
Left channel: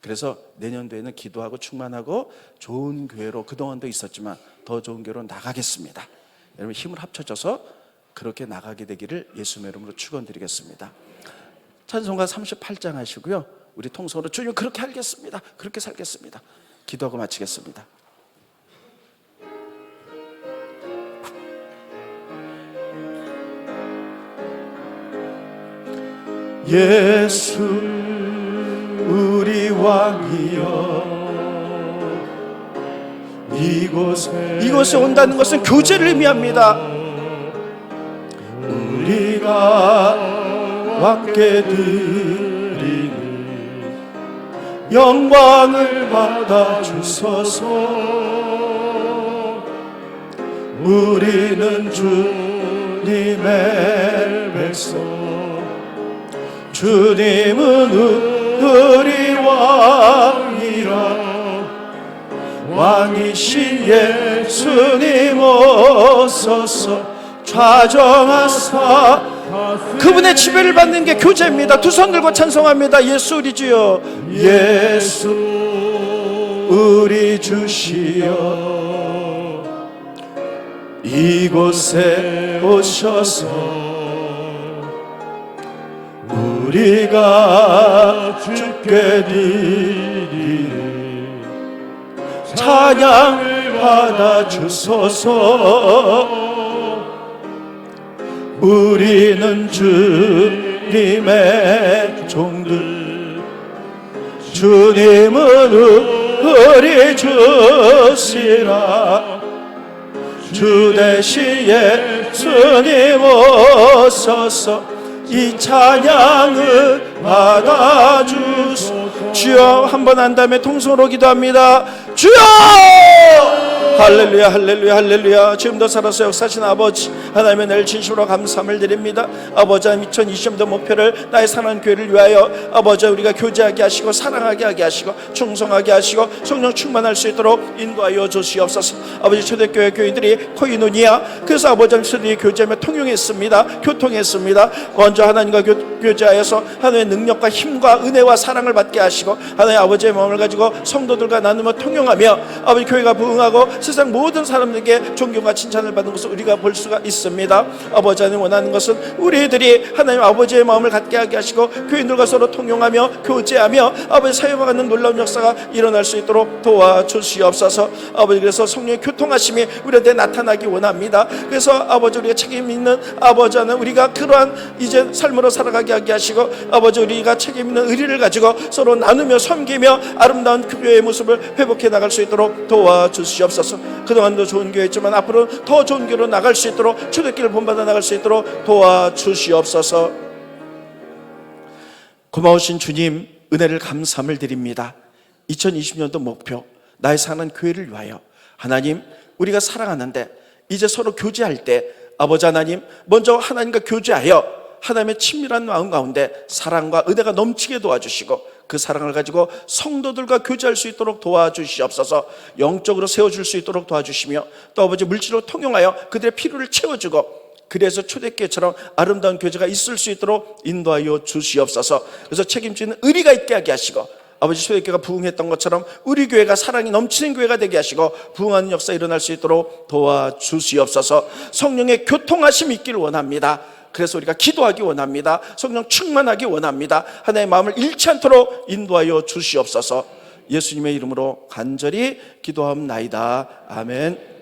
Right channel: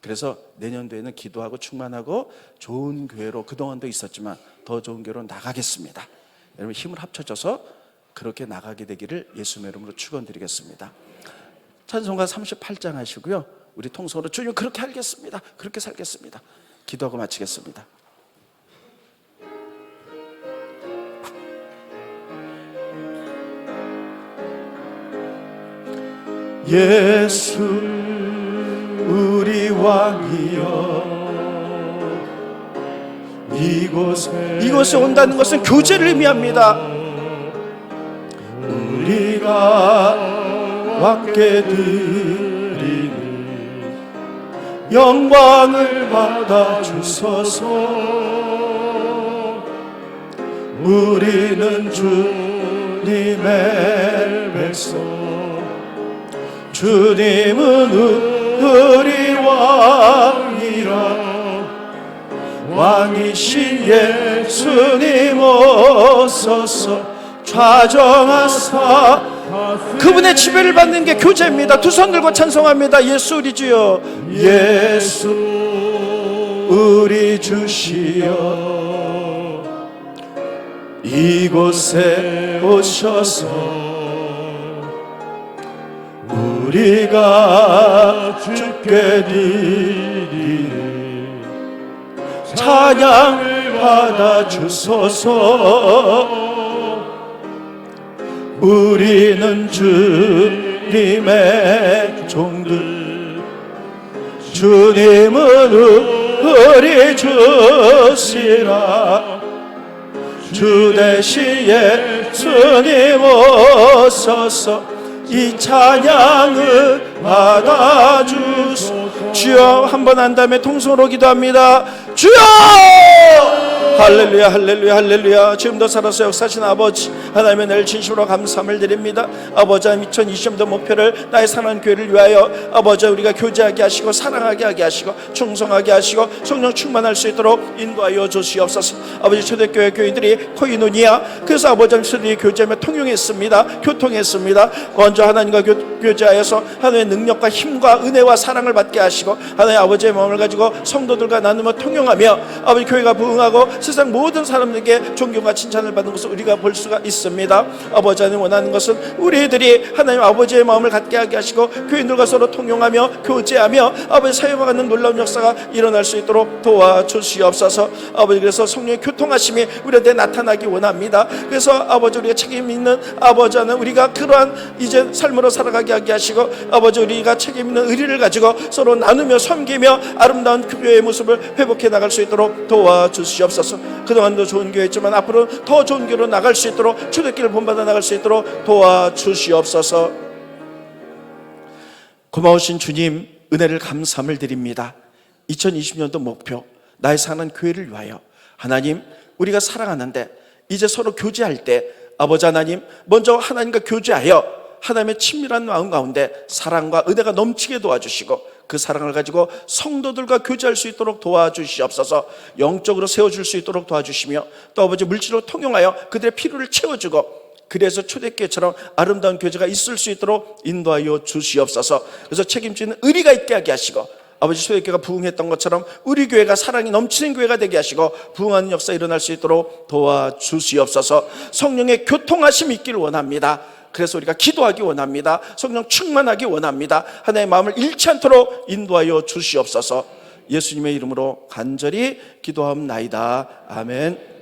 그래서 내년도에는 기도하고 충만하고 좋은 교회로 그동안도 있었지만 더 좋은 교회로 나가겠습니다. 여러분 힘을 합쳐져서 그렇게 나가게 되기를 예수님의 이름으로 축원드리겠습니다. 찬송가 38장 하시고요. 우리 통성으로 주님 그렇게 하겠습니다. 그렇게 살겠습니다. 기도하고 마치겠습니다. 예수 우리 왕이여, 이곳에 온다는 것은 교제를 의미합니다. 우리가 왕께 드리는 영광을 받아 주소서. 우리는 주님의 백성, 주님은 우리 왕이라. 왕이신 예수님 오소서. 좌정하사 그분의 지배를 받는 게 교제입니다. 두 손 들고 찬송합니다. 예수 우리 주여, 예수 우리 주시여, 이곳에 오셔서 우리가 주께 드리는 찬양 받아주소서. 우리는 주님의 종들, 주님은 우리 주시라. 주 대시에 주님 오소서. 이 찬양을 받아주소서. 주여, 한번 한 다음에 통성으로 기도합니다. 주여! 할렐루야, 할렐루야, 할렐루야. 지금도 살아서 역사하신 아버지 하나님의 늘 진심으로 감사함을 드립니다. 아버지, 2020년도 목표를 나의 사랑하는 교회를 위하여 아버지 우리가 교제하게 하시고 사랑하게 하게 하시고 충성하게 하시고 성령 충만할 수 있도록 인도하여 주시옵소서. 아버지, 초대교회 교인들이 코이노니아, 그래서 아버지 초대교회 교제하며 통용했습니다. 교통했습니다. 먼저 하나님과 교제하여서 하나님의 능력과 힘과 은혜와 사랑을 받게 하시고 하나님 아버지의 마음을 가지고 성도들과 나누며 통용하며 아버지 교회가 부흥하고 세상 모든 사람들에게 존경과 칭찬을 받는 것을 우리가 볼 수가 있습니다. 아버지 하나님 원하는 것은 우리들이 하나님 아버지의 마음을 갖게 하게 하시고 교인들과 서로 통용하며 교제하며 아버지 사역하는 놀라운 역사가 일어날 수 있도록 도와주시옵소서. 아버지, 그래서 성령의 교통하심이 우리한테 나타나기 원합니다. 그래서 아버지 우리가 책임 있는 아버지 하나님 우리가 그러한 이제 삶으로 살아가게 하게 하시고 아버지 우리가 책임 있는 의리를 가지고 서로 나누며 섬기며 아름다운 교회의 모습을 회복해 나갈 수 있도록 도와주시옵소서. 그동안도 좋은 교회였지만 앞으로 더 좋은 교회로 나갈 수 있도록 초대교회를 본받아 나갈 수 있도록 도와주시옵소서. 고마우신 주님, 은혜를 감사함을 드립니다. 2020년도 목표, 나의 사랑하는 교회를 위하여 하나님, 우리가 사랑하는데 이제 서로 교제할 때 아버지 하나님, 먼저 하나님과 교제하여 하나님의 친밀한 마음 가운데 사랑과 은혜가 넘치게 도와주시고 그 사랑을 가지고 성도들과 교제할 수 있도록 도와주시옵소서. 영적으로 세워줄 수 있도록 도와주시며 또 아버지 물질로 통용하여 그들의 필요를 채워주고 그래서 초대교회처럼 아름다운 교제가 있을 수 있도록 인도하여 주시옵소서. 그래서 책임지는 의리가 있게 하게 하시고 아버지 초대교회가 부흥했던 것처럼 우리 교회가 사랑이 넘치는 교회가 되게 하시고 부흥하는 역사 일어날 수 있도록 도와주시옵소서. 성령의 교통하심이 있기를 원합니다. 그래서 우리가 기도하기 원합니다. 성령 충만하기 원합니다. 하나님의 마음을 잃지 않도록 인도하여 주시옵소서. 예수님의 이름으로 간절히 기도하옵나이다. 아멘.